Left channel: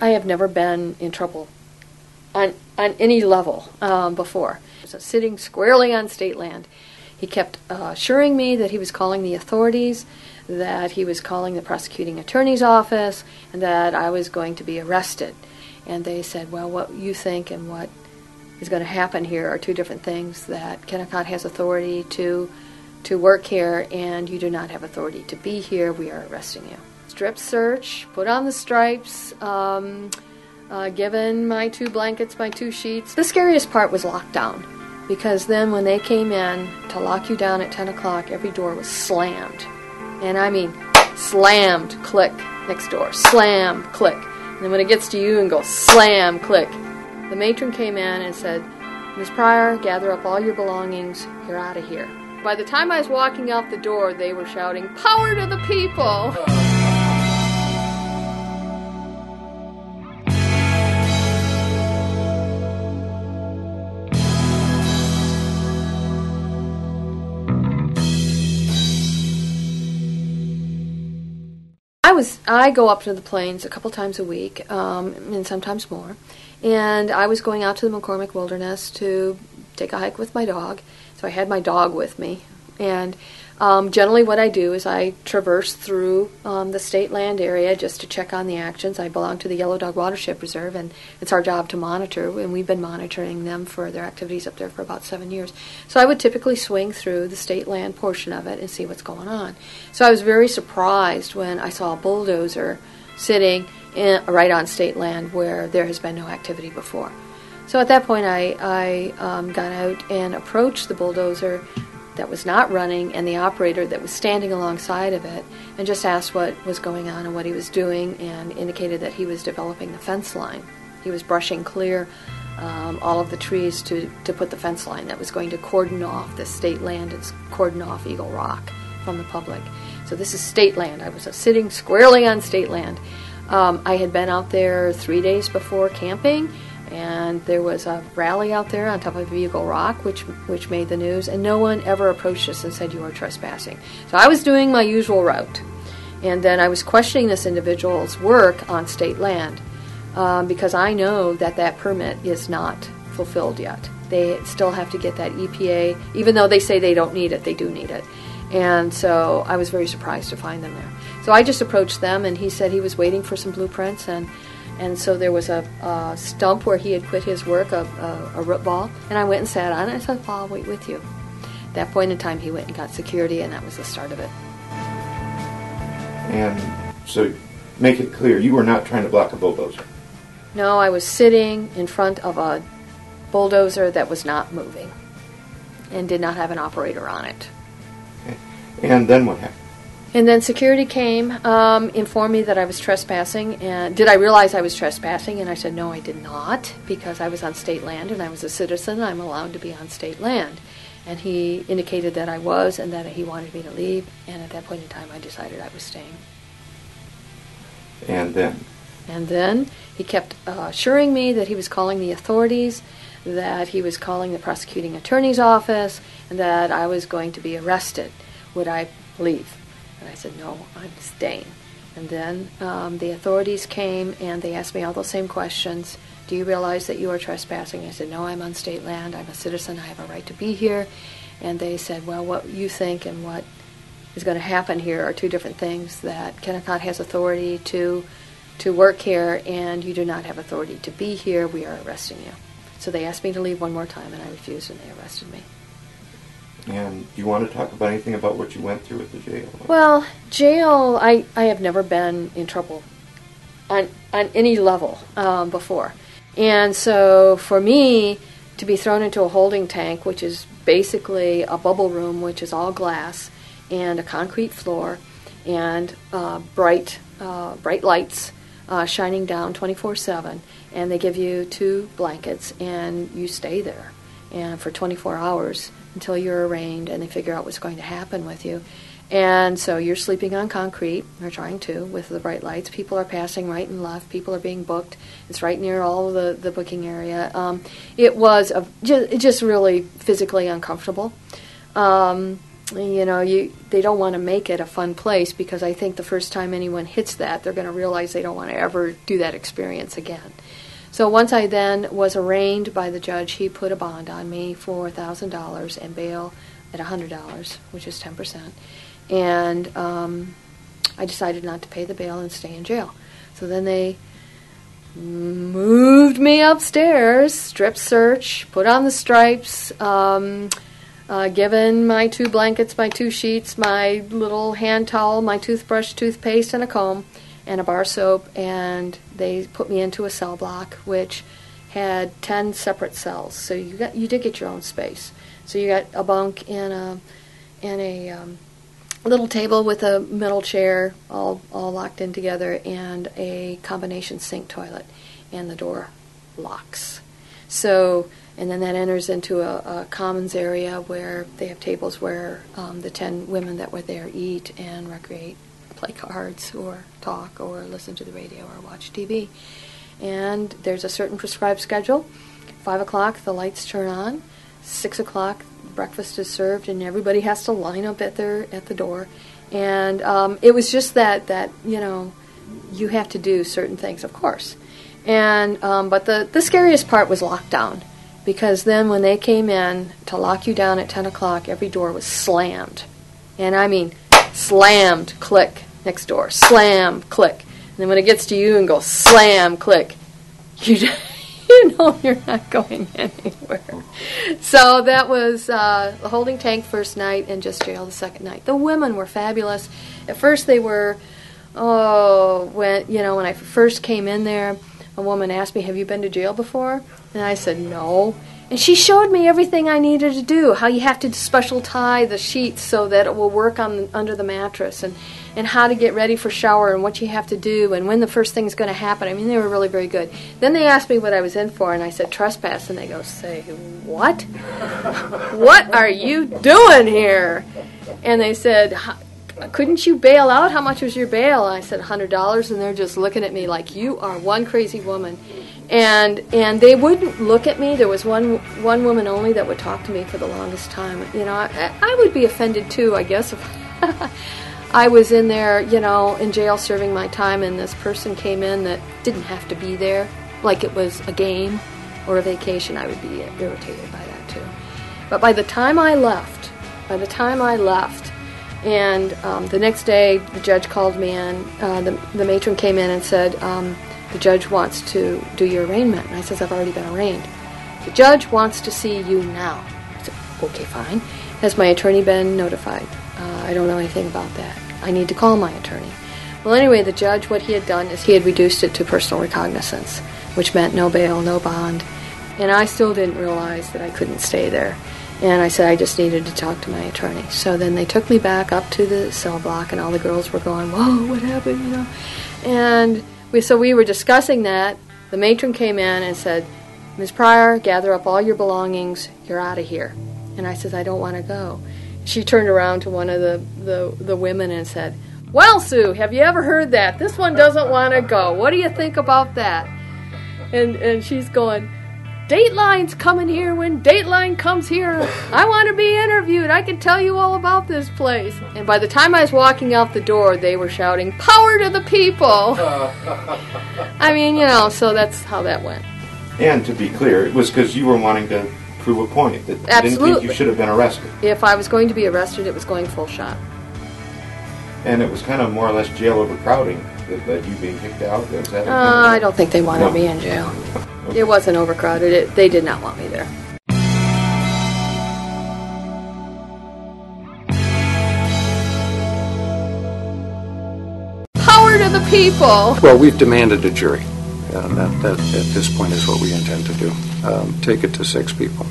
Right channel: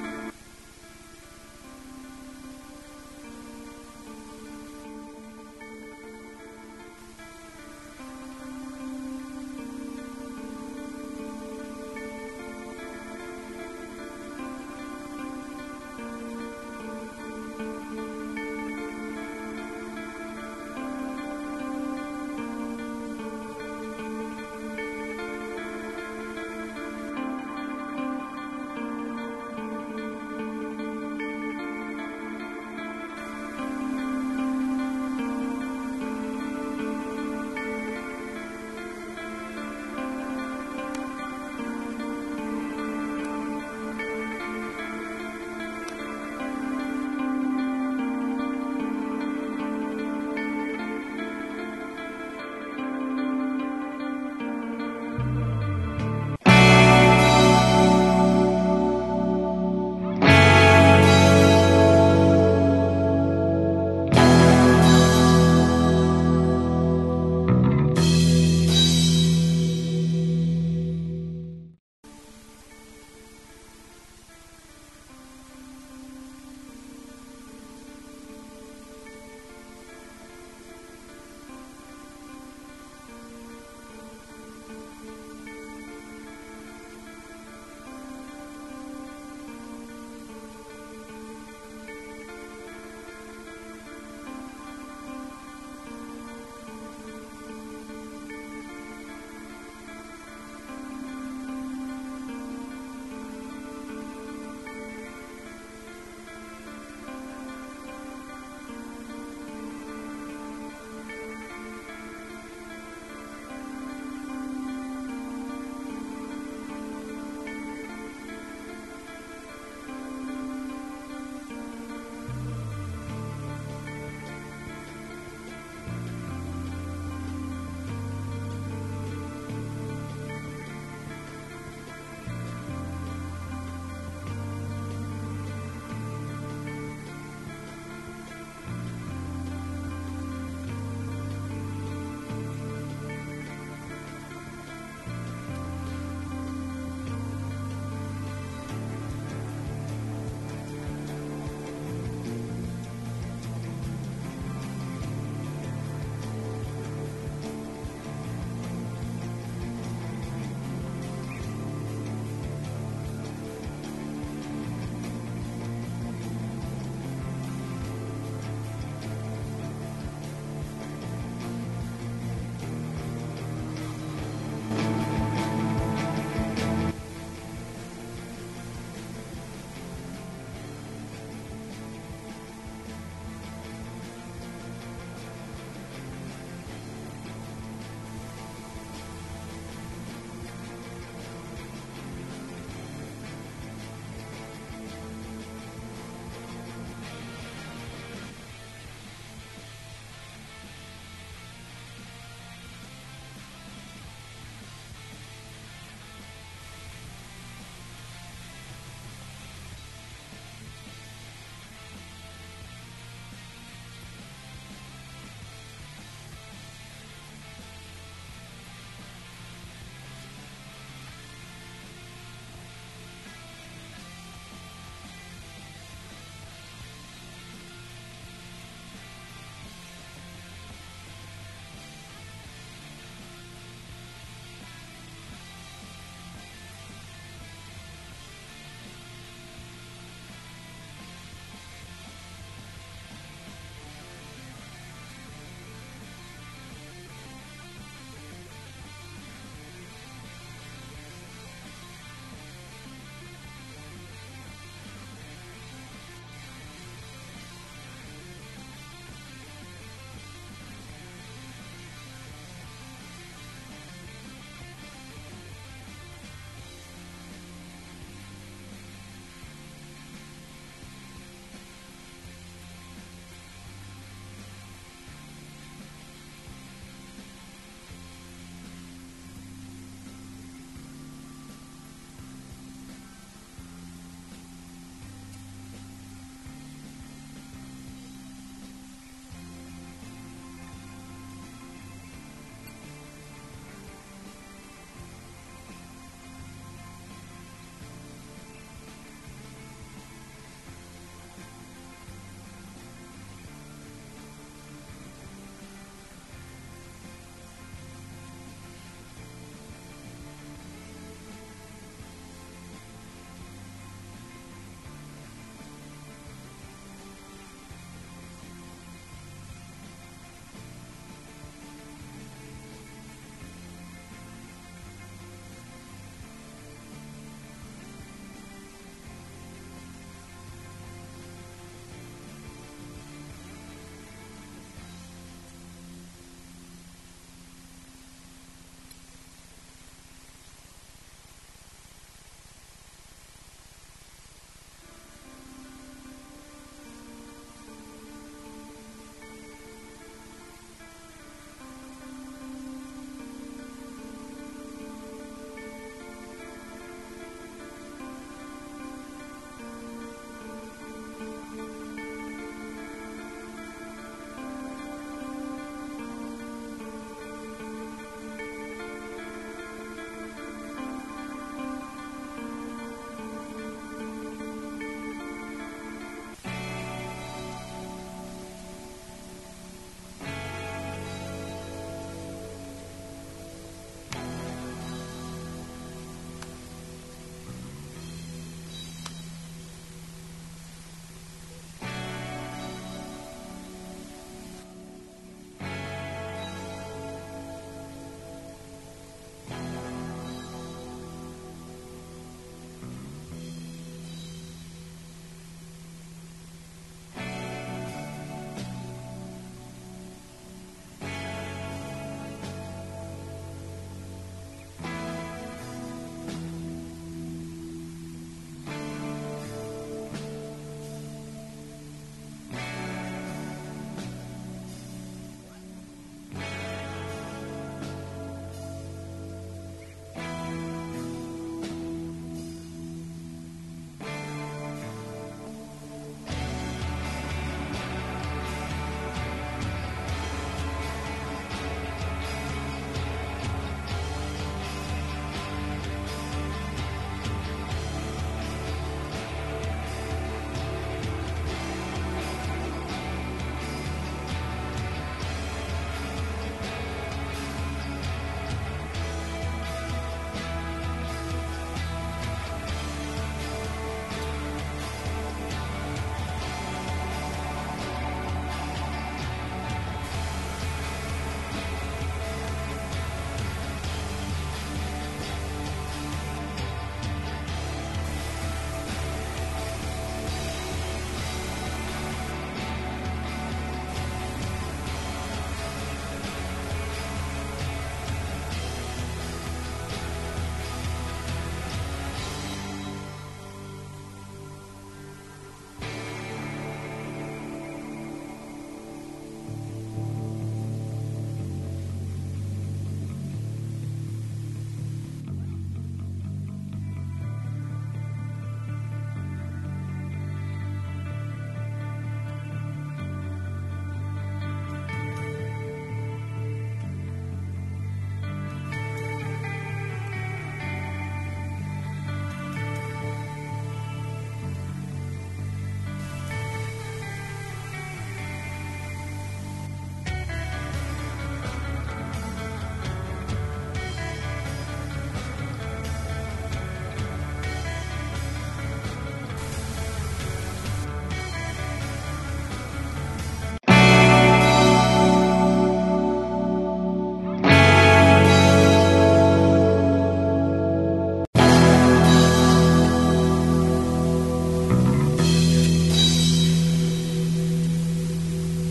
I have never been in trouble on any level before. So sitting squarely on state land, he kept assuring me that he was calling the authorities, that he was calling the prosecuting attorney's office, and that I was going to be arrested. And they said, well, what you think and what is going to happen here are two different things, that Kennecott has authority to work here, and you do not have authority to be here. We are arresting you. Strip search, put on the stripes, given my 2 blankets, my 2 sheets. The scariest part was lockdown, because then when they came in to lock you down at 10 o'clock, every door was slammed. And I mean slammed, click, next door, slam, click. And then when it gets to you and goes slam, click, the matron came in and said, Ms. Pryor, gather up all your belongings, you're out of here. By the time I was walking out the door, they were shouting, "Power to the people!" I go up to the plains a couple times a week, and sometimes more. And I was going out to the McCormick Wilderness to take a hike with my dog. So I had my dog with me. And generally what I do is I traverse through the state land area just to check on the actions. I belong to the Yellow Dog Watershed Preserve, and it's our job to monitor, and we've been monitoring them for their activities up there for about 7 years. So I would typically swing through the state land portion of it and see what's going on. So I was very surprised when I saw a bulldozer sitting right on state land where there has been no activity before. So at that point I got out and approached the bulldozer that was not running and the operator that was standing alongside of it, and just asked what was going on and what he was doing, and indicated that he was developing the fence line. He was brushing clear all of the trees to put the fence line that was going to cordon off the state land and cordon off Eagle Rock from the public. So this is state land. I was sitting squarely on state land. I had been out there 3 days before camping, and there was a rally out there on top of Eagle Rock, which made the news, and no one ever approached us and said, "You are trespassing." So I was doing my usual route, and then I was questioning this individual's work on state land, because I know that that permit is not fulfilled yet. They still have to get that EPA, even though they say they don't need it, they do need it. And so I was very surprised to find them there. So I just approached them, and he said he was waiting for some blueprints, and so there was a stump where he had quit his work, a root ball, and I went and sat on it. I said, "Well, I'll wait with you." At that point in time, he went and got security, and that was the start of it. And so, make it clear, you were not trying to block a bulldozer? No, I was sitting in front of a bulldozer that was not moving and did not have an operator on it. Okay. And then what happened? And then security came, informed me that I was trespassing, and did I realize I was trespassing? And I said, no, I did not, because I was on state land and I was a citizen. I'm allowed to be on state land. And he indicated that I was, and that he wanted me to leave, and at that point in time I decided I was staying. And then? And then he kept assuring me that he was calling the authorities, that he was calling the prosecuting attorney's office, and that I was going to be arrested. Would I leave? And I said, no, I'm staying. And then the authorities came and they asked me all those same questions. Do you realize that you are trespassing? I said, no, I'm on state land. I'm a citizen. I have a right to be here. And they said, well, what you think and what is going to happen here are two different things, that Kennecott has authority to work here, and you do not have authority to be here. We are arresting you. So they asked me to leave one more time, and I refused, and they arrested me. And do you want to talk about anything about what you went through at the jail? Well, jail, I have never been in trouble on any level before. And so for me to be thrown into a holding tank, which is basically a bubble room, which is all glass, and a concrete floor, and bright lights shining down 24/7, and they give you 2 blankets, and you stay there and for 24 hours until you're arraigned and they figure out what's going to happen with you. And so you're sleeping on concrete, or trying to, with the bright lights. People are passing right and left. People are being booked. It's right near all of the booking area. It was just really physically uncomfortable. they don't want to make it a fun place, because I think the first time anyone hits that, they're going to realize they don't want to ever do that experience again. So once I then was arraigned by the judge, he put a bond on me for $1,000 and bail at $100, which is 10%. And I decided not to pay the bail and stay in jail. So then they moved me upstairs, strip search, put on the stripes, given my 2 blankets, my 2 sheets, my little hand towel, my toothbrush, toothpaste, and a comb, and a bar soap, and they put me into a cell block, which had 10 separate cells. So you did get your own space. So you got a bunk and a little table with a middle chair, all locked in together, and a combination sink toilet, and the door locks. So, and then that enters into a commons area where they have tables where the 10 women that were there eat and recreate, play cards or talk or listen to the radio or watch TV. And there's a certain prescribed schedule. 5 o'clock, the lights turn on. 6 o'clock, breakfast is served, and everybody has to line up at the door. And it was just that you have to do certain things, of course. And but the scariest part was lockdown, because then when they came in to lock you down at 10 o'clock, every door was slammed. And I mean slammed, click, next door, slam, click. And then when it gets to you and goes slam, click, you know you're not going anywhere. So that was the holding tank first night and just jail the second night. The women were fabulous. At first they were, when I first came in there, a woman asked me, "Have you been to jail before?" And I said, "No." And she showed me everything I needed to do, how you have to special tie the sheets so that it will work under the mattress, and how to get ready for shower, and what you have to do, and when the first thing is going to happen. I mean, they were really very good. Then they asked me what I was in for, and I said, "Trespass." And they go, "Say, what? What are you doing here?" And they said, "Couldn't you bail out? How much was your bail?" And I said, $100, and they're just looking at me like, "You are one crazy woman." And they wouldn't look at me. There was one woman only that would talk to me for the longest time. I would be offended too, I guess, if I was in there, in jail serving my time, and this person came in that didn't have to be there, like it was a game or a vacation. I would be irritated by that too. But by the time I left, and the next day the judge called me in, the matron came in and said, "The judge wants to do your arraignment." And I says, "I've already been arraigned." "The judge wants to see you now." I said, "Okay, fine. Has my attorney been notified?" "I don't know anything about that. I need to call my attorney." Well, anyway, the judge, what he had done is he had reduced it to personal recognizance, which meant no bail, no bond. And I still didn't realize that I couldn't stay there. And I said I just needed to talk to my attorney. So then they took me back up to the cell block, and all the girls were going, "Whoa, what happened?" And we were discussing that. The matron came in and said, "Ms. Pryor, gather up all your belongings. You're out of here." And I said, "I don't want to go." She turned around to one of the women and said, "Well, Sue, have you ever heard that? This one doesn't want to go. What do you think about that?" And she's going, "Dateline's coming here. When Dateline comes here, I want to be interviewed. I can tell you all about this place." And by the time I was walking out the door, they were shouting, "Power to the people!" I mean, so that's how that went. And to be clear, it was because you were wanting to prove a point that you Absolutely. didn't think you should have been arrested. If I was going to be arrested, it was going full shot. And it was kind of more or less jail overcrowding that you being kicked out. I don't think they wanted me in jail. It wasn't overcrowded. They did not want me there. Power to the people! Well, we've demanded a jury. That at this point is what we intend to do. Take it to 6 people.